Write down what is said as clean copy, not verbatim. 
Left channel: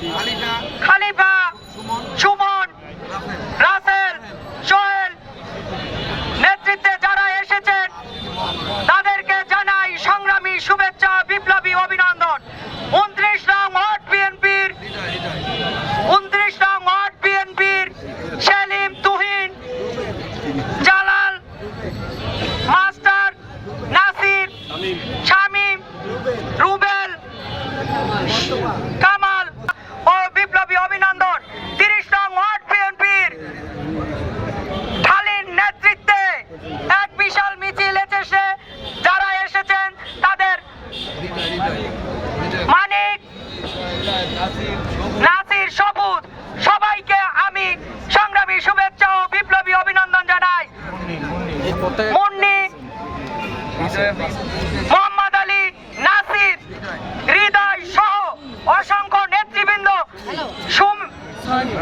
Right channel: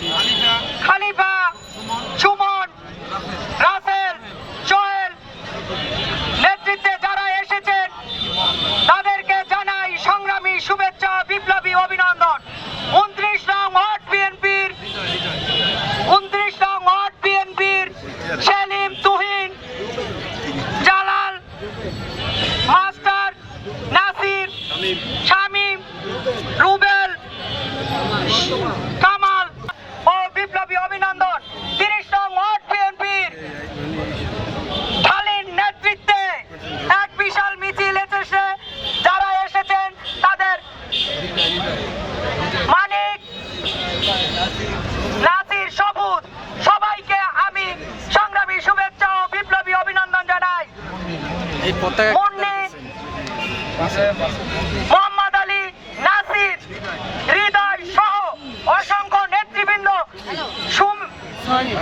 খালিফা, সুমন, রাসেল, সোহেল নেতৃত্বে যারা এসেছেন তাদেরকে জানাই সংগ্রামী শুভেচ্ছা, বিপ্লবী অভিনন্দন। 29 নং ওয়ার্ড বিএনপির সেলিম, তুহিন, জালাল, মাস্টার, নাসির, শামীম, রুবেল, কামাল ও বিপ্লবী অভিনন্দন। 30 নং ওয়ার্ড বিএনপির ঢালির নেতৃত্বে এক বিশাল মিছিল এসেছে, যারা এসেছেন তাদের মানিক, নাসির, সবুজ, সবাইকে আমি সংগ্রামী শুভেচ্ছা ও বিপ্লবী অভিনন্দন জানাই। মুন্নি, মোহাম্মদ আলী, নাসির, হৃদয় সহ